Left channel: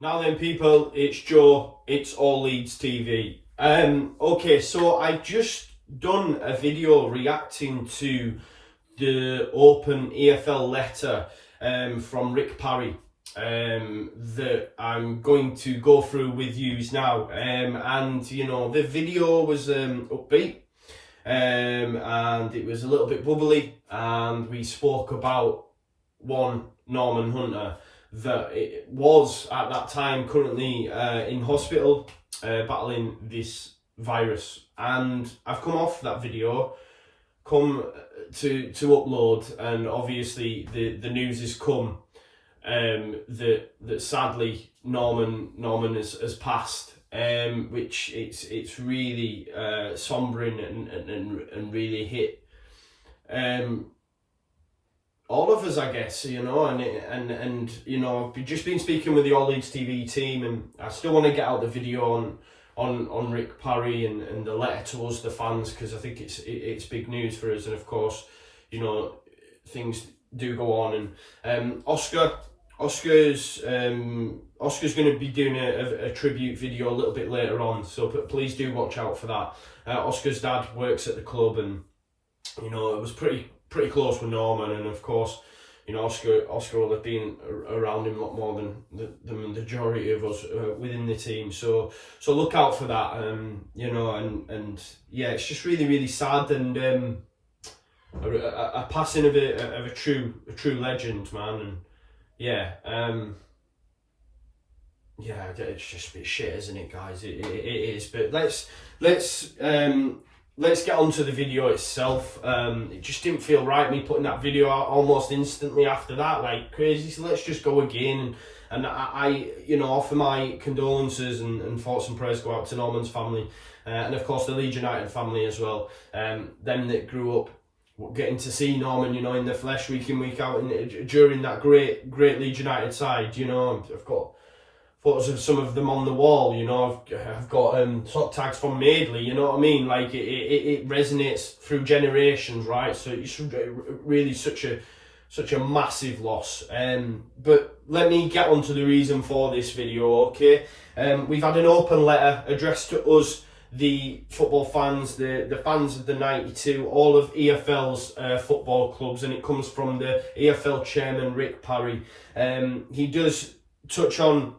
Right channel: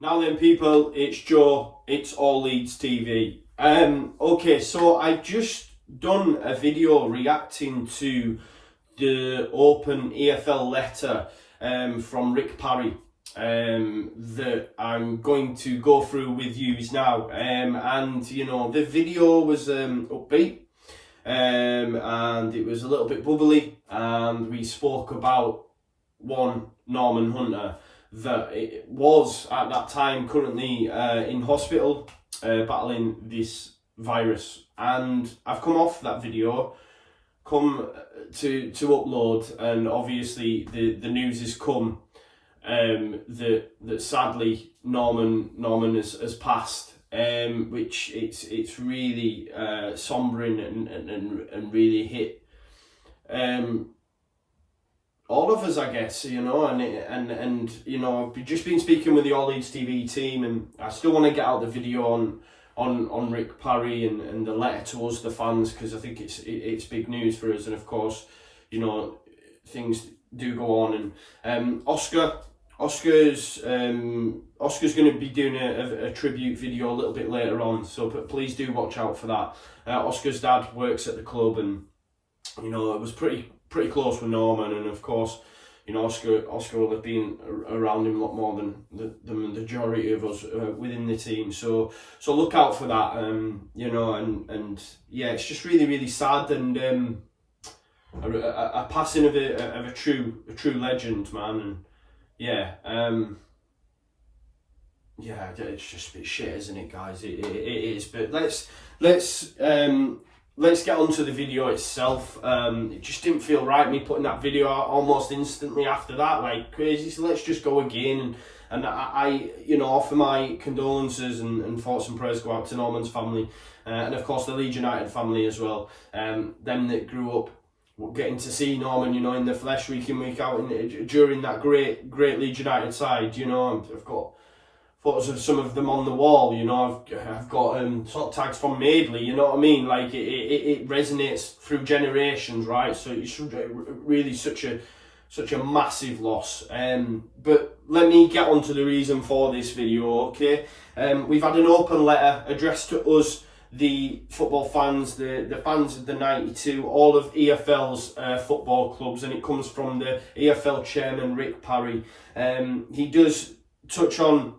Now then, people, it's Joe. It's all Leeds TV. Okay, so I've just done a video reacting to the open EFL letter from Parry that I'm going to go through with you now. And you know, the video was upbeat, and it was a little bit bubbly, and we spoke about one Norman Hunter that it was at that time currently in hospital battling this virus, and I've come off that video, come to upload, and obviously the news has come that sadly Norman has passed, which it's really sombering and really hit all of us, I guess, you know, and you know, I've just been speaking with the All Leeds TV team, and I still want to get out the video on Parry and the letter to us, the fans, because I think it's big news for us, and of course, you know, things do go on, and Oscar's going to be doing a tribute video a little bit later on, so please do watch out for that. Oscar's dad works at the club, and you know, it was pretty close with Norman, and of course, you know, Oscar will have been around him a lot more than the majority of us within the team. So look out for that. You know, and yeah, it's just really sad, and a passing of a true legend, man. And yeah, yeah, it's just a bit shit, isn't it, guys? It is. But let's get on to the video itself. It just didn't feel right, me putting that video out almost instantly after that, like crazy. So let's just go again. And I you know, offer my condolences and thoughts and prayers go out to Norman's family, and of course the Leeds United family as well. Them that grew up getting to see Norman, you know, in the flesh week in, week out, during that great Leeds United side. You know, I've got photos of some of them on the wall, you know. I've got sort of tags from Madeley, you know what I mean? Like it resonates through generations, right? So it's really such a massive loss. But let me get on to the reason for this video, okay? We've had an open letter addressed to us, the football fans, the fans of the 92, all of EFL's football clubs, and it comes from the EFL chairman, Parry. He does touch on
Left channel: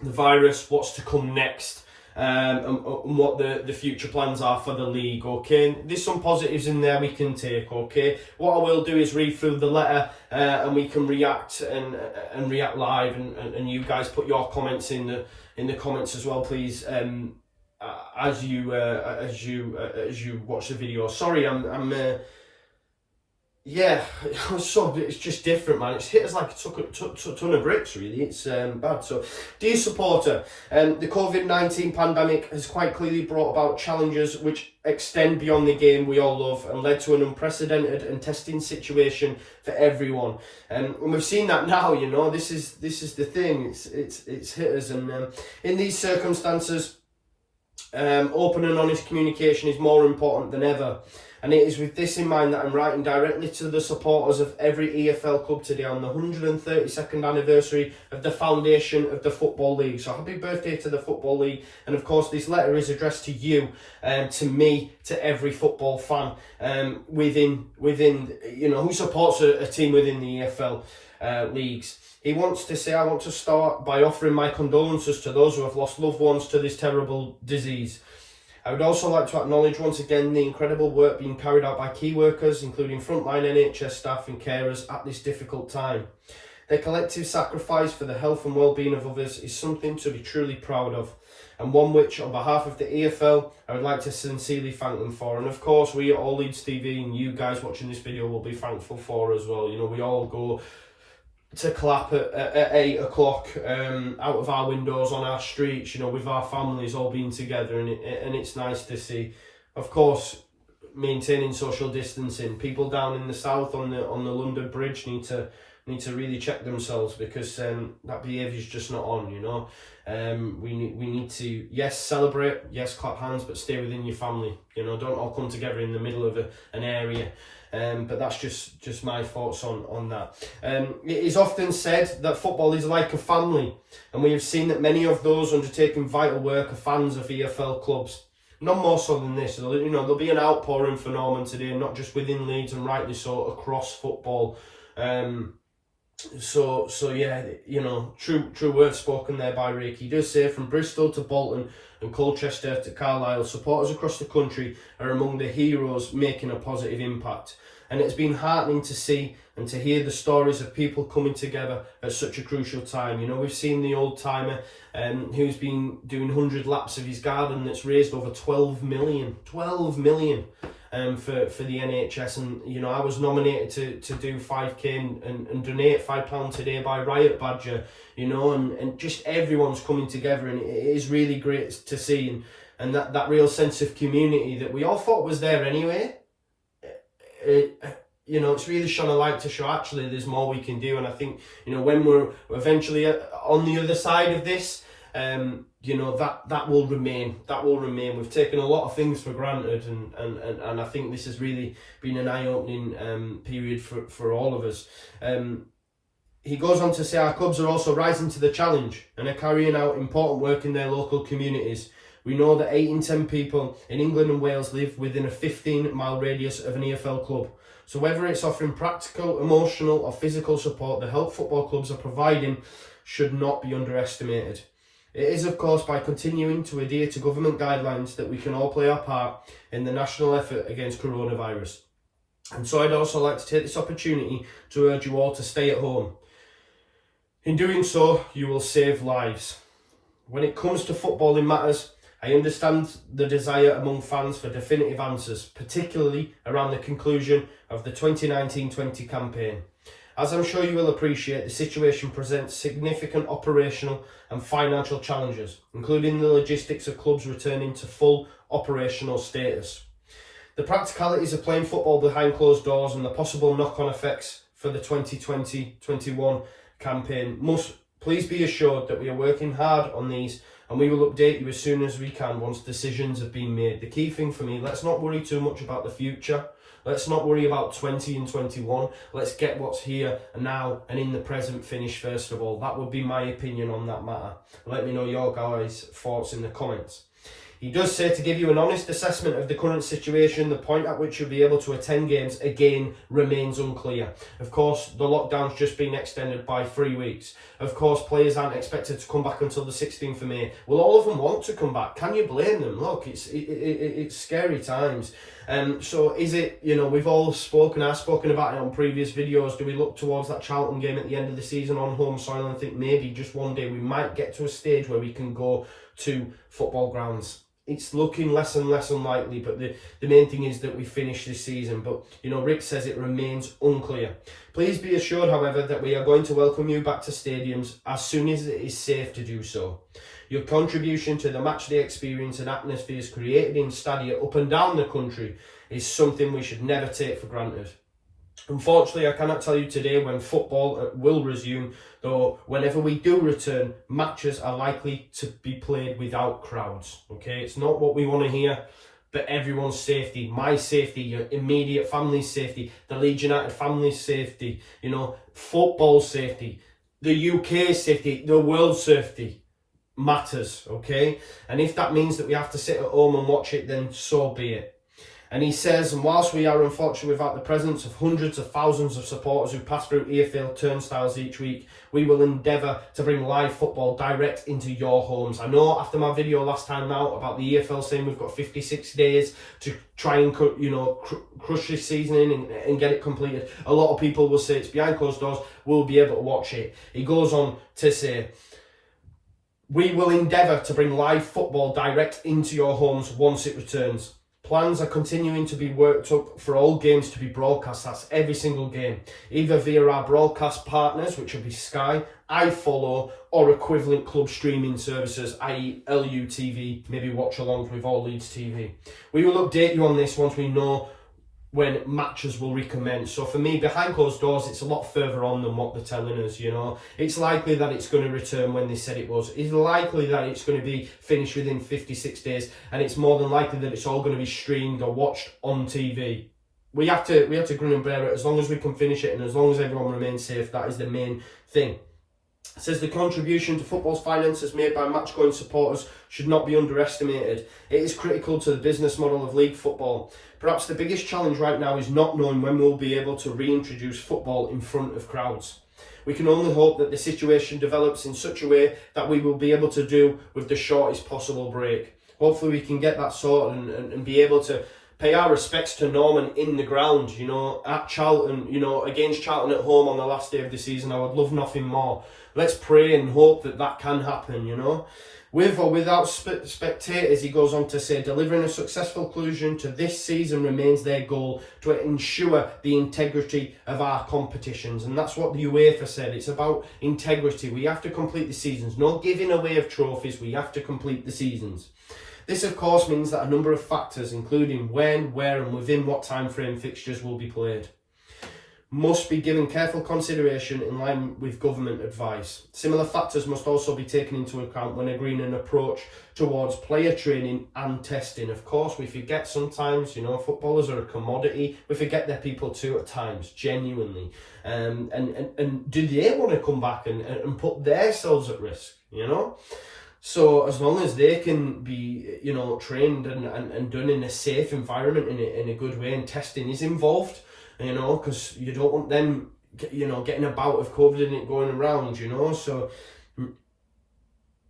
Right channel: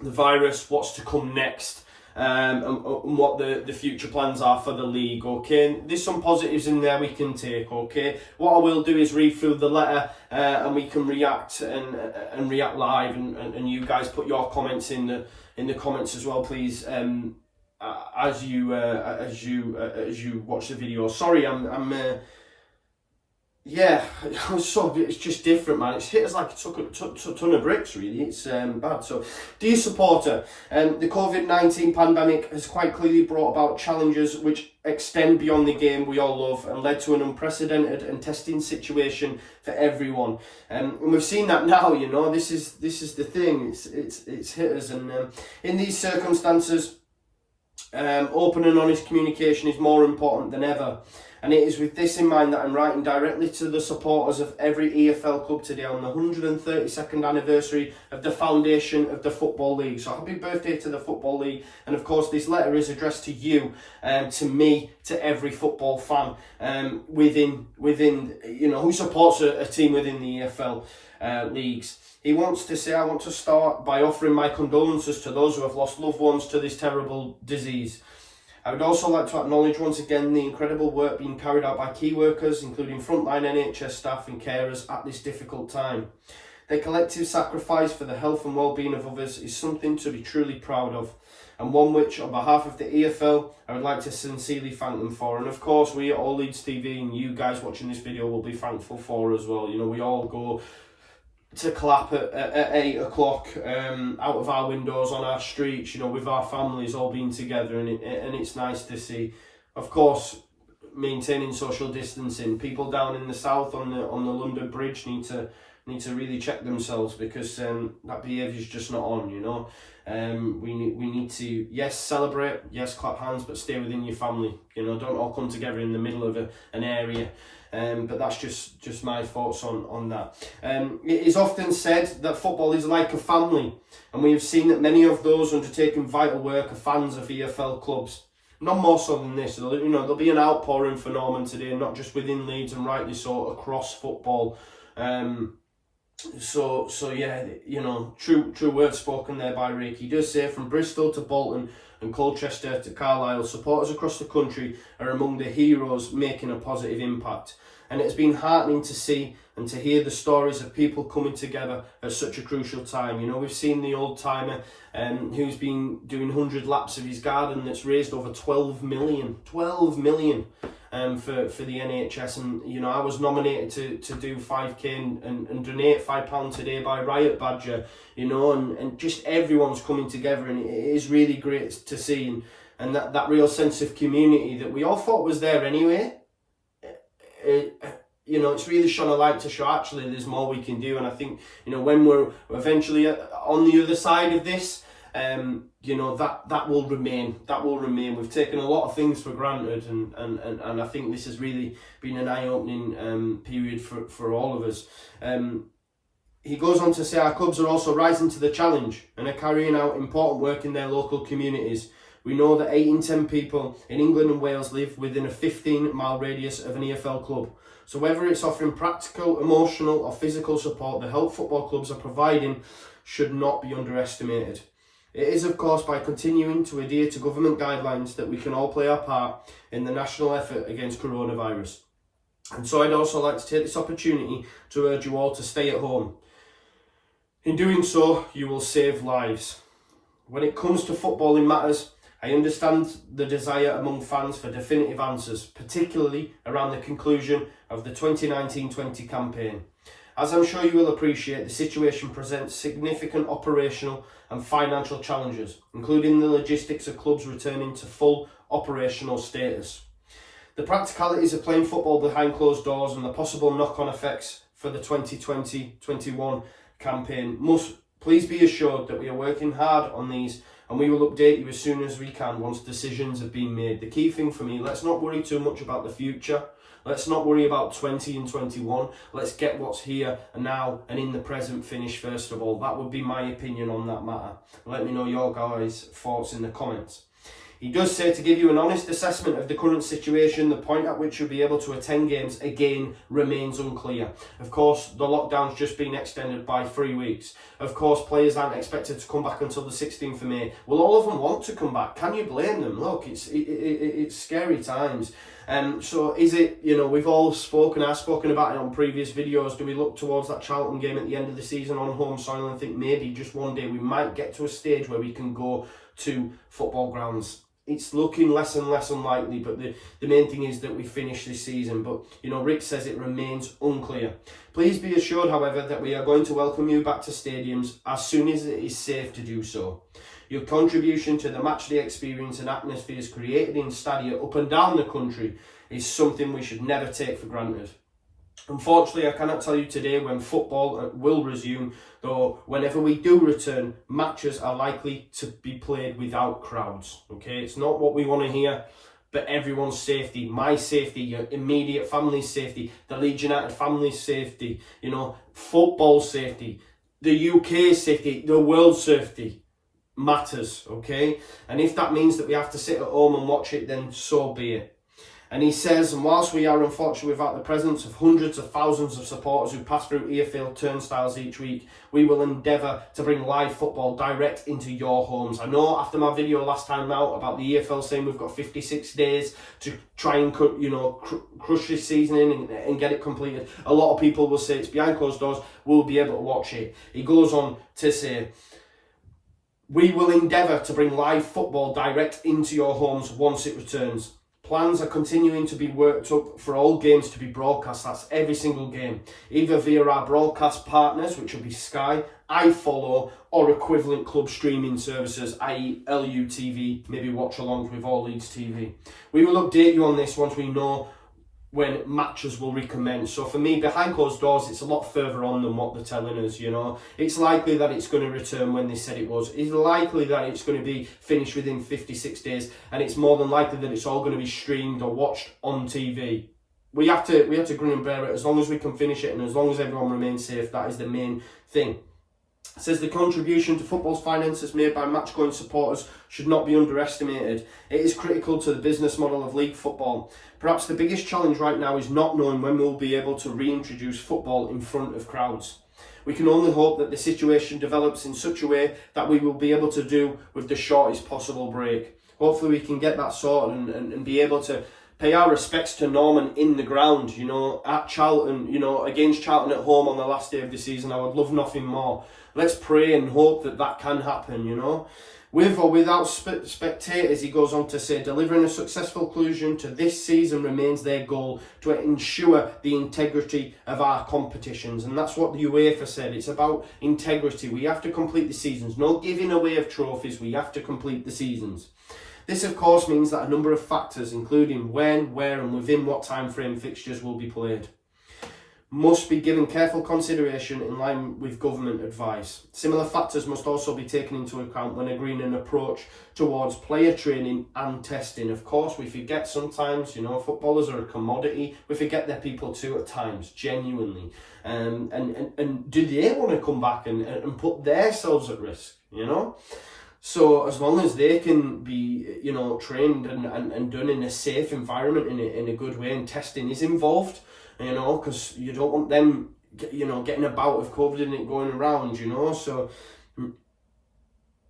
the virus, what's to come next, and what the future plans are for the league, okay? There's some positives in there we can take, okay? What I will do is read through the letter, and we can react and react live, and you guys put your comments in the comments as well, please, as you watch the video. Sorry, yeah, it's just different, man. It's hit us like a ton of bricks, really. It's bad. So, dear supporter, the COVID-19 pandemic has quite clearly brought about challenges which extend beyond the game we all love, and led to an unprecedented and testing situation for everyone. And we've seen that now. You know, this is the thing. It's hit us, and in these circumstances, open and honest communication is more important than ever. And it is with this in mind that I'm writing directly to the supporters of every EFL club today on the 132nd anniversary of the foundation of the Football League. So happy birthday to the Football League. And of course, this letter is addressed to you, to me, to every football fan within you know, who supports a team within the EFL leagues. He wants to say, I want to start by offering my condolences to those who have lost loved ones to this terrible disease. I would also like to acknowledge once again the incredible work being carried out by key workers, including frontline NHS staff and carers at this difficult time. Their collective sacrifice for the health and well-being of others is something to be truly proud of, and one which, on behalf of the EFL, I would like to sincerely thank them for. And of course, we at All Leeds TV and you guys watching this video will be thankful for as well. You know, we all go to clap at 8 o'clock out of our windows on our streets, you know, with our families all being together, and it's nice to see. Of course, maintaining social distancing. People down in the south on the London Bridge need to really check themselves, because that behaviour is just not on, you know. We need to, yes, celebrate, yes, clap hands, but stay within your family, you know. Don't all come together in the middle of an area. But that's just my thoughts on that. It is often said that football is like a family, and we have seen that many of those undertaking vital work are fans of EFL clubs. None more so than this. You know, there'll be an outpouring for Norman today, not just within Leeds, and rightly so, across football. So yeah, you know, true words spoken there by Rick. He does say, from Bristol to Bolton and Colchester to Carlisle, supporters across the country are among the heroes making a positive impact. And it's been heartening to see and to hear the stories of people coming together at such a crucial time. You know, we've seen the old timer who's been doing 100 laps of his garden that's raised over 12 million for the NHS. And you know, I was nominated to do 5k and donate £5 today by Riot Badger, you know, and just everyone's coming together, and it is really great to see, and that real sense of community that we all thought was there anyway. You know, it's really shone a light to show actually there's more we can do. And I think, you know, when we're eventually on the other side of this, you know, that will remain. We've taken a lot of things for granted, and I think this has really been an eye-opening period for all of us. He goes on to say, our clubs are also rising to the challenge and are carrying out important work in their local communities. We know that 8 in 10 people in England and Wales live within a 15-mile radius of an EFL club. So whether it's offering practical, emotional or physical support, the help football clubs are providing should not be underestimated. It is, of course, by continuing to adhere to government guidelines that we can all play our part in the national effort against coronavirus. And so I'd also like to take this opportunity to urge you all to stay at home. In doing so, you will save lives. When it comes to footballing matters, I understand the desire among fans for definitive answers, particularly around the conclusion of the 2019-20 campaign. As I'm sure you will appreciate, the situation presents significant operational and financial challenges, including the logistics of clubs returning to full operational status. The practicalities of playing football behind closed doors and the possible knock-on effects for the 2020-21 campaign must please be assured that we are working hard on these, and we will update you as soon as we can once decisions have been made. The key thing for me, let's not worry too much about the future. Let's not worry about 20 and 21. Let's get what's here and now and in the present finished first of all. That would be my opinion on that matter. Let me know your guys' thoughts in the comments. He does say, to give you an honest assessment of the current situation, the point at which you'll be able to attend games again remains unclear. Of course, the lockdown's just been extended by 3 weeks. Of course, players aren't expected to come back until the 16th of May. Will all of them want to come back? Can you blame them? Look, it's scary times. So is it, you know, we've all spoken, I've spoken about it on previous videos, do we look towards that Charlton game at the end of the season on home soil and think maybe just one day we might get to a stage where we can go to football grounds? It's looking less and less unlikely, but the main thing is that we finish this season. But, you know, Rick says it remains unclear. Please be assured, however, that we are going to welcome you back to stadiums as soon as it is safe to do so. Your contribution to the matchday experience and atmospheres created in stadia up and down the country is something we should never take for granted. Unfortunately, I cannot tell you today when football will resume, though whenever we do return, matches are likely to be played without crowds. Okay, it's not what we want to hear, but everyone's safety, my safety, your immediate family's safety, the Leeds United family's safety, you know, football safety, the UK safety, the world's safety matters, okay? And if that means that we have to sit at home and watch it, then so be it. And he says, and whilst we are unfortunately without the presence of hundreds of thousands of supporters who pass through EFL turnstiles each week, we will endeavour to bring live football direct into your homes. I know after my video last time out about the EFL saying we've got 56 days to try and, you know, crush this season in and get it completed, a lot of people will say it's behind closed doors, we'll be able to watch it. He goes on to say, we will endeavour to bring live football direct into your homes once it returns. Plans are continuing to be worked up for all games to be broadcast. That's every single game, either via our broadcast partners, which will be Sky, iFollow, or equivalent club streaming services, i.e. LUTV, maybe watch along with all Leeds TV. We will update you on this once we know when matches will recommence. So for me, behind closed doors, it's a lot further on than what they're telling us, you know. It's likely that it's going to return when they said it was. It's likely that it's going to be finished within 56 days. And it's more than likely that it's all going to be streamed or watched on TV. we have to grin and bear it as long as we can finish it, and as long as everyone remains safe. That is the main thing. It says the contribution to football's finances made by match-going supporters should not be underestimated. It is critical to the business model of league football. Perhaps the biggest challenge right now is not knowing when we'll be able to reintroduce football in front of crowds. We can only hope that the situation develops in such a way that we will be able to do with the shortest possible break. Hopefully we can get that sorted and be able to pay our respects to Norman in the ground, you know, at Charlton, you know, against Charlton at home on the last day of the season. I would love nothing more. Let's pray and hope that that can happen, you know. With or without spectators, he goes on to say, delivering a successful conclusion to this season remains their goal to ensure the integrity of our competitions. And that's what the UEFA said. It's about integrity. We have to complete the seasons. No giving away of trophies. We have to complete the seasons. This, of course, means that a number of factors, including when, where and within what time frame fixtures will be played, must be given careful consideration in line with government advice. Similar factors must also be taken into account when agreeing an approach towards player training and testing. Of course, we forget sometimes, you know, footballers are a commodity. We forget they're people too at times, genuinely. And do they want to come back and put themselves at risk, you know? So as long as they can be, you know, trained and done in a safe environment, in a good way, and testing is involved, you know, because you don't want them, you know, getting a bout of COVID and it going around, you know. So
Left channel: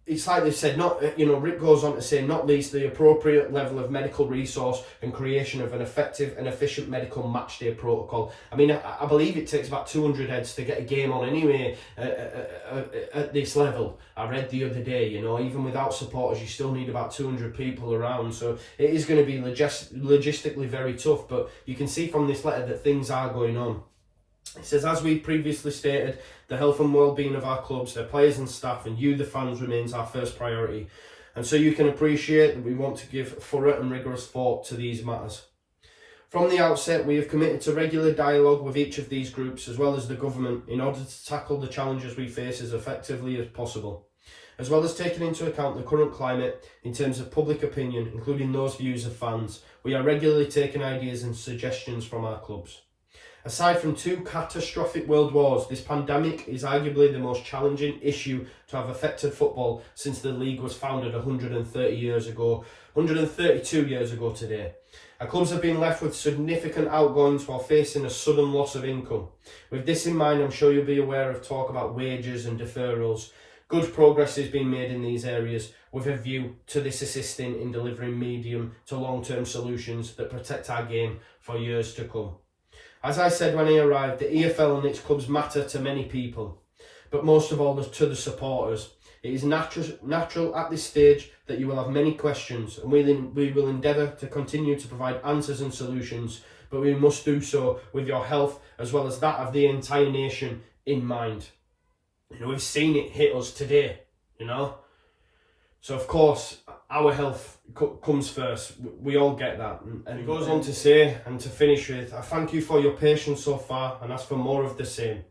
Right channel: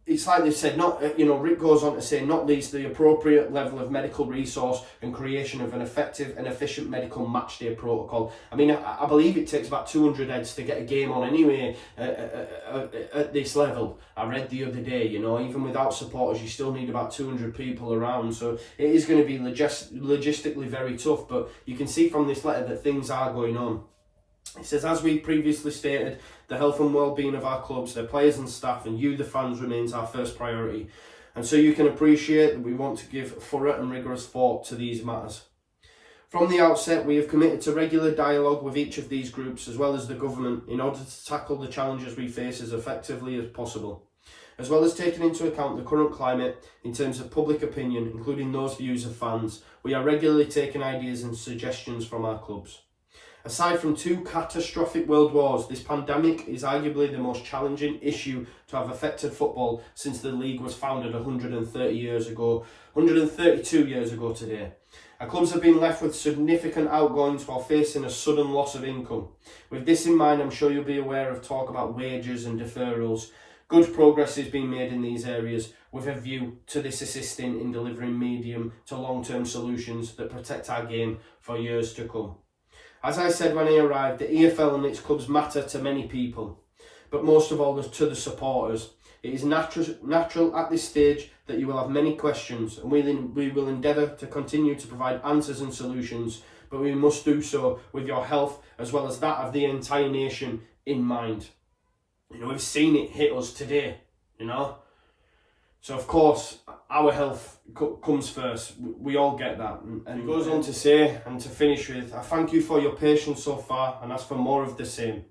it's like they said, not, you know, Rick goes on to say, not least the appropriate level of medical resource and creation of an effective and efficient medical match day protocol. I mean, I believe it takes about 200 heads to get a game on anyway at this level. I read the other day, you know, even without supporters, you still need about 200 people around. So it is going to be logistically very tough, but you can see from this letter that things are going on. It says, as we previously stated, the health and well-being of our clubs, their players and staff, and you, the fans, remains our first priority. And so you can appreciate that we want to give thorough and rigorous thought to these matters. From the outset, we have committed to regular dialogue with each of these groups, as well as the government, in order to tackle the challenges we face as effectively as possible, as well as taking into account the current climate in terms of public opinion, including those views of fans. We are regularly taking ideas and suggestions from our clubs. Aside from two catastrophic world wars, this pandemic is arguably the most challenging issue to have affected football since the league was founded 132 years ago today. Our clubs have been left with significant outgoings while facing a sudden loss of income. With this in mind, I'm sure you'll be aware of talk about wages and deferrals. Good progress is being made in these areas with a view to this assisting in delivering medium to long-term solutions that protect our game for years to come. As I said when I arrived, the EFL and its clubs matter to many people, but most of all to the supporters. It is natural at this stage that you will have many questions, and we will endeavour to continue to provide answers and solutions, but we must do so with your health as well as that of the entire nation in mind. You know, we've seen it hit us today, you know. So of course, our health comes first. We all get that. And he goes on to say, and to finish with, I thank you for your patience so far and ask for more of the same.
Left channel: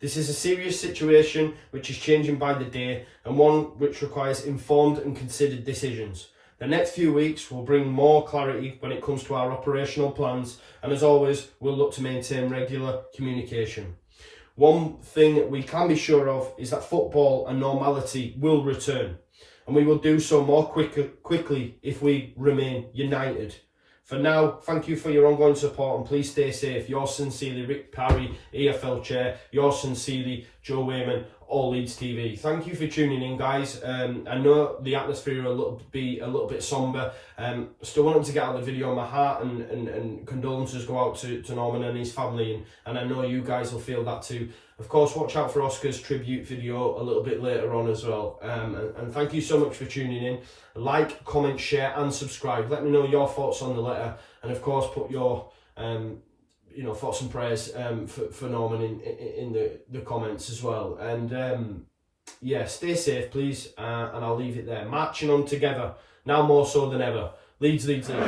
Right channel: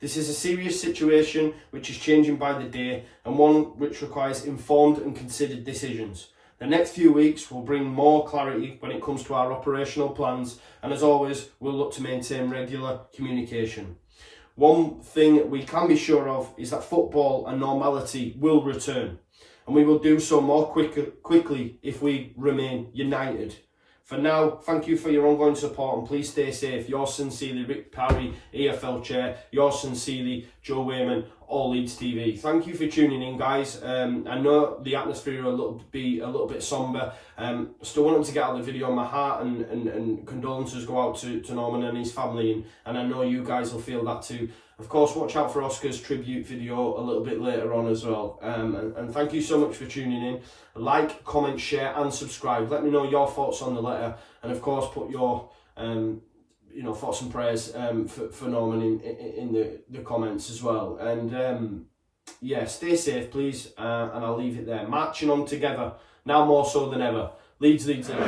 This is a serious situation which is changing by the day and one which requires informed and considered decisions. The next few weeks will bring more clarity when it comes to our operational plans, and as always, we'll look to maintain regular communication. One thing we can be sure of is that football and normality will return, and we will do so more quickly if we remain united. For now, thank you for your ongoing support and please stay safe. Yours sincerely, Rick Parry, EFL Chair. Yours sincerely, Joe Wainman, All Leeds TV. Thank you for tuning in, guys. I know the atmosphere will be a little bit sombre. Still wanted to get out the video on my heart and condolences go out to Norman and his family, and I know you guys will feel that too. Of course, watch out for Oscar's tribute video a little bit later on as well. And thank you so much for tuning in. Like, comment, share and subscribe. Let me know your thoughts on the letter, and of course put your thoughts and prayers for Norman in the comments as well. And yeah, stay safe please, and I'll leave it there. Marching on together, now more so than ever. Leeds, Leeds, Leeds.